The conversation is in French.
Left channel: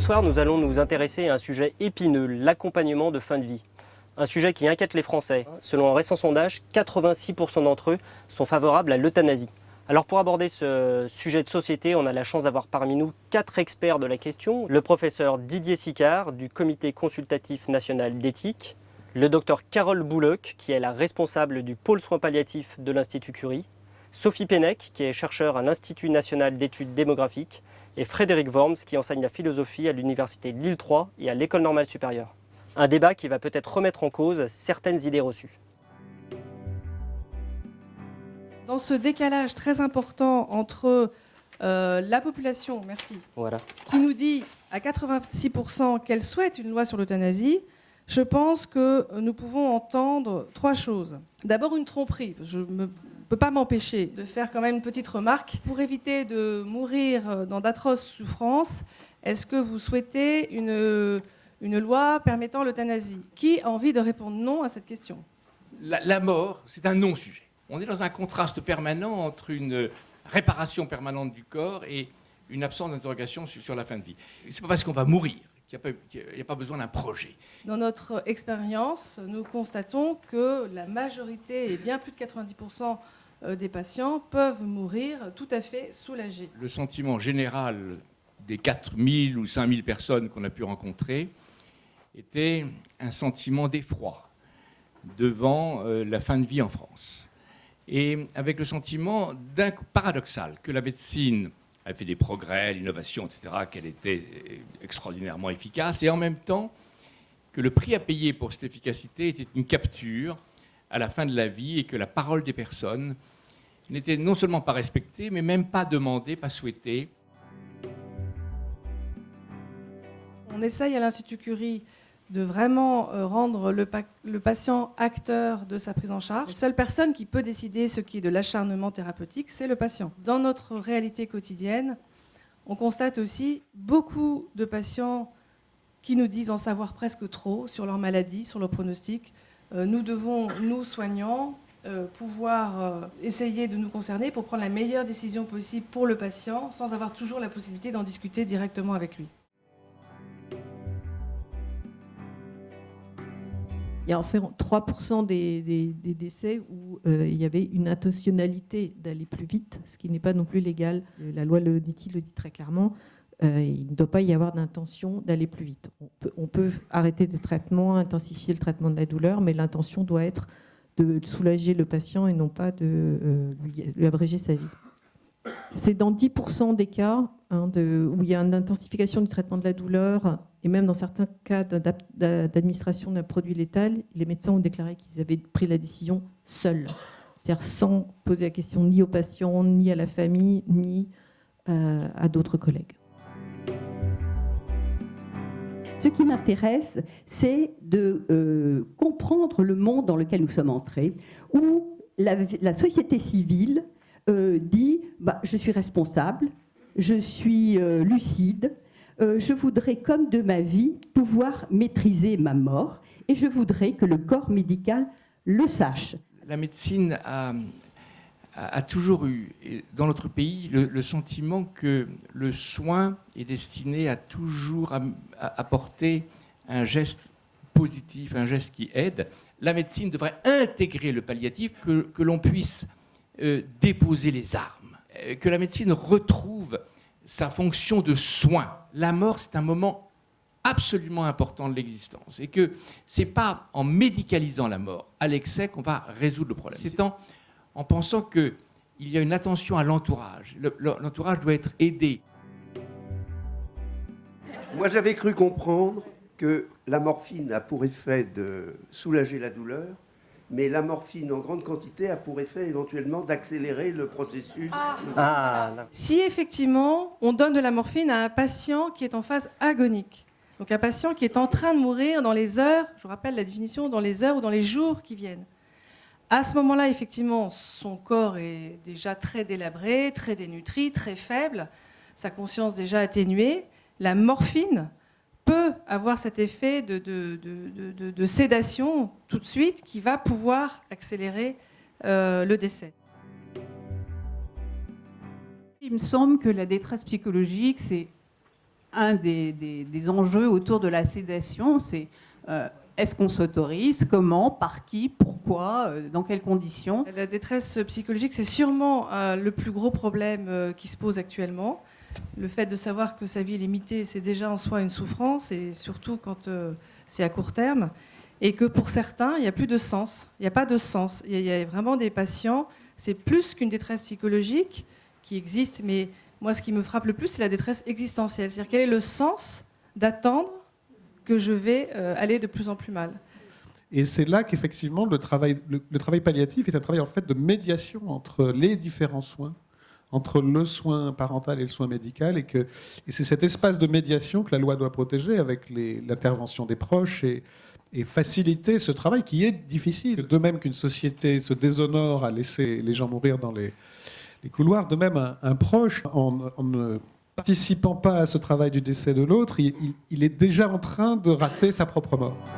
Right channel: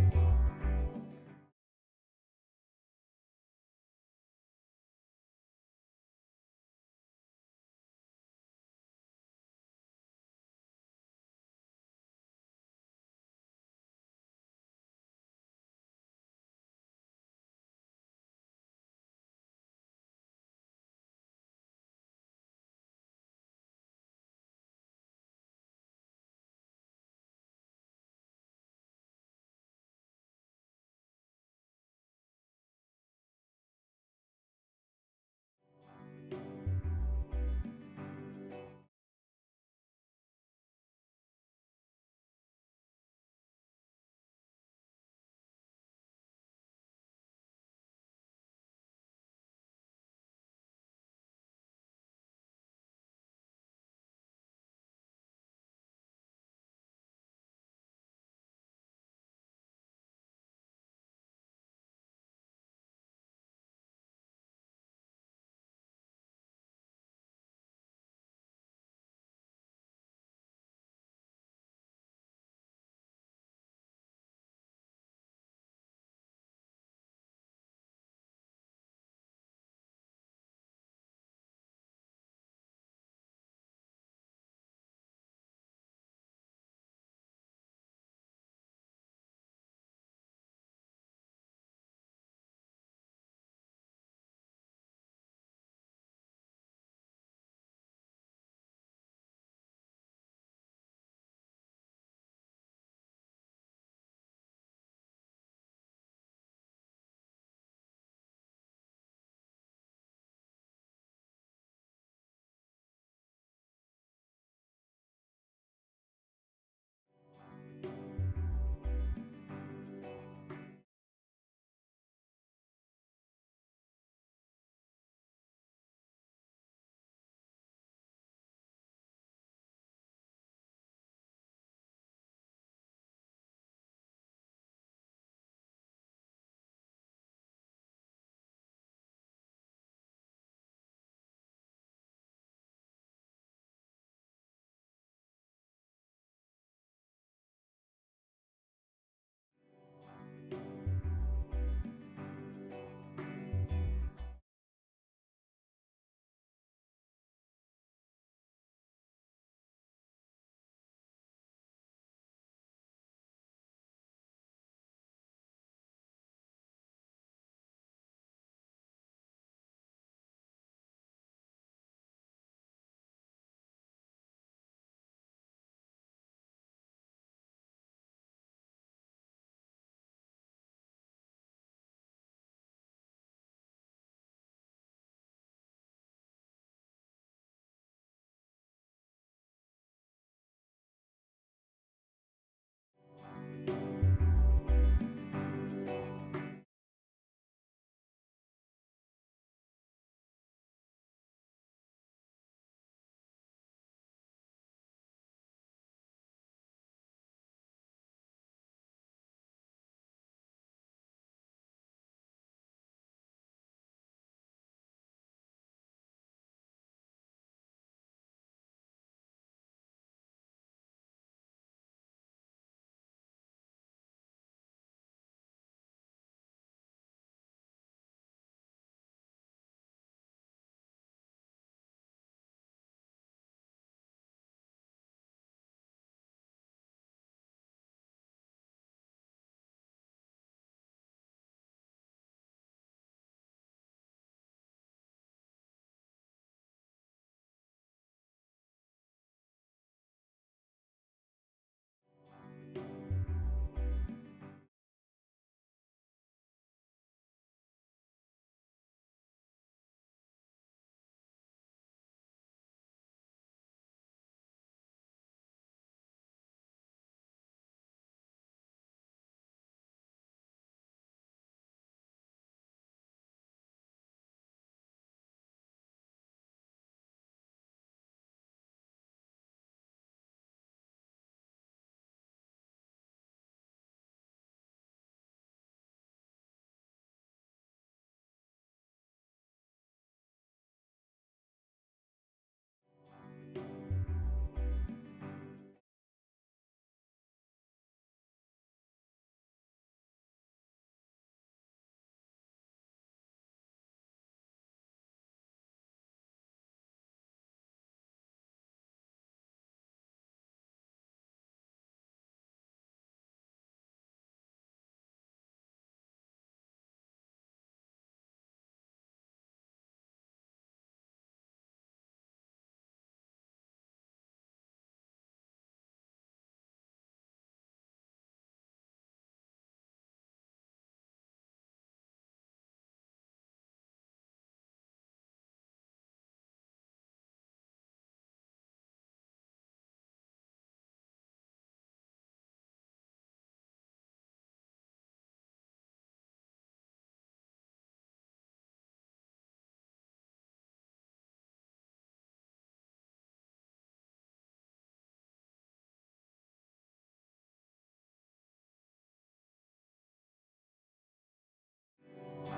soir, nous allons nous intéresser à un sujet épineux, l'accompagnement de fin de vie. Un sujet qui inquiète les Français. Selon un récent sondage, 86% d'entre eux sont favorables à l'euthanasie. Alors pour aborder ce sujet de société, on a la chance d'avoir parmi nous 4 experts de la question. Le professeur Didier Sicard du Comité consultatif national d'éthique, le docteur Carole Bouloc, qui est la responsable du pôle soins palliatifs de l'Institut Curie, Sophie Pennec, qui est chercheur à l'Institut national d'études démographiques, et Frédéric Worms, qui enseigne la philosophie à l'Université Lille 3 et à l'École normale supérieure. Un débat qui va peut-être remettre en cause certaines idées reçues. Dans ce décalage très important entre la population, Voilà. qui nous dit à 86% qu'elle souhaite une loi sur l'euthanasie, je pense que nous pouvons entendre 3 choses. D'abord une tromperie. Je ne peux pas m'empêcher de faire quand même une petite remarque. Pour éviter de mourir dans d'atroces souffrances, est-ce que vous souhaitez une loi permettant l'euthanasie? Qui a envie de répondre non à cette question? La mort, c'est un non-sujet. On est dans un contraste permanent entre une réparation permanente du corps et une absence d'interrogation sur la fin de vie. Ce n'est pas parce qu'on va mourir qu'il n'y a pas besoin d'un projet. Dans notre expérience, nous constatons que la majorité, et bien plus de 90% des patients, peuvent mourir tout à fait soulagés. Le sentiment général des 4000 ou 5000 personnes qu'on a pu rencontrer était un sentiment d'effroi devant la fin de vie en France. Et avec le sentiment paradoxal que la médecine a fait des progrès, l'innovation, etc., qu'elle était extraordinairement efficace, et en même temps que le prix à payer pour cette efficacité était une capture à la fin de la vie et que la parole des personnes n'était non seulement pas respectée, mais même pas demandée, pas souhaitée. On essaye à l'Institut Curie de vraiment rendre le patient acteur de sa prise en charge. La seule personne qui peut décider ce qui est de l'acharnement thérapeutique, c'est le patient. Dans notre réalité quotidienne, on constate aussi beaucoup de patients qui nous disent en savoir presque trop sur leur maladie, sur leur pronostic. Nous devons, nous soignants, pouvoir essayer de nous concerner pour prendre la meilleure décision possible pour le patient, sans avoir toujours la possibilité d'en discuter directement avec lui. Il y a environ 3% des décès où il y avait une intentionnalité d'aller plus vite, ce qui n'est pas non plus légal. La loi Leonetti le dit très clairement, il ne doit pas y avoir d'intention d'aller plus vite. On peut arrêter des traitements, intensifier le traitement de la douleur, mais l'intention doit être de soulager le patient et non pas de lui abréger sa vie. C'est dans 10% des cas où il y a une intensification du traitement de la douleur, et même dans certains cas d'administration d'un produit létal, les médecins ont déclaré qu'ils avaient pris la décision seuls, c'est-à-dire sans poser la question ni aux patients, ni à la famille, ni à d'autres collègues. Ce qui m'intéresse, c'est de comprendre le monde dans lequel nous sommes entrés, où la société civile dit je suis responsable, je suis lucide, je voudrais, comme de ma vie, pouvoir maîtriser ma mort et je voudrais que le corps médical le sache. La médecine a toujours eu, dans notre pays, le sentiment que le soin est destiné à toujours apporter un geste positif, un geste qui aide. La médecine devrait intégrer le palliatif, que l'on puisse déposer les armes, que la médecine retrouve sa fonction de soin. La mort, c'est un moment absolument important de l'existence et que ce n'est pas en médicalisant la mort à l'excès qu'on va résoudre le problème. C'est en pensant qu'il y a une attention à l'entourage. L'entourage doit être aidé. Moi, j'avais cru comprendre que la morphine a pour effet de soulager la douleur, mais la morphine en grande quantité a pour effet éventuellement d'accélérer le processus. Si effectivement on donne de la morphine à un patient qui est en phase agonique, donc un patient qui est en train de mourir dans les heures, je vous rappelle la définition, dans les heures ou dans les jours qui viennent, à ce moment-là, effectivement, son corps est déjà très délabré, très dénutri, très faible, sa conscience déjà atténuée. La morphine peut avoir cet effet de sédation tout de suite qui va pouvoir accélérer le décès. Il me semble que la détresse psychologique, c'est un des enjeux autour de la sédation, c'est est-ce qu'on s'autorise, comment, par qui, pourquoi, dans quelles conditions? La détresse psychologique, c'est sûrement le plus gros problème qui se pose actuellement. Le fait de savoir que sa vie est limitée, c'est déjà en soi une souffrance, et surtout quand c'est à court terme. Et que pour certains, il n'y a plus de sens. Il n'y a pas de sens. Il y a vraiment des patients, c'est plus qu'une détresse psychologique qui existe, mais moi, ce qui me frappe le plus, c'est la détresse existentielle. C'est-à-dire quel est le sens d'attendre que je vais aller de plus en plus mal. Et c'est là qu'effectivement le travail palliatif est un travail en fait de médiation entre les différents soins, entre le soin parental et le soin médical, et c'est cet espace de médiation que la loi doit protéger avec l'intervention des proches et faciliter ce travail qui est difficile. De même qu'une société se déshonore à laisser les gens mourir dans les couloirs, de même un proche, en ne participant pas à ce travail du décès de l'autre, il est déjà en train de rater sa propre mort.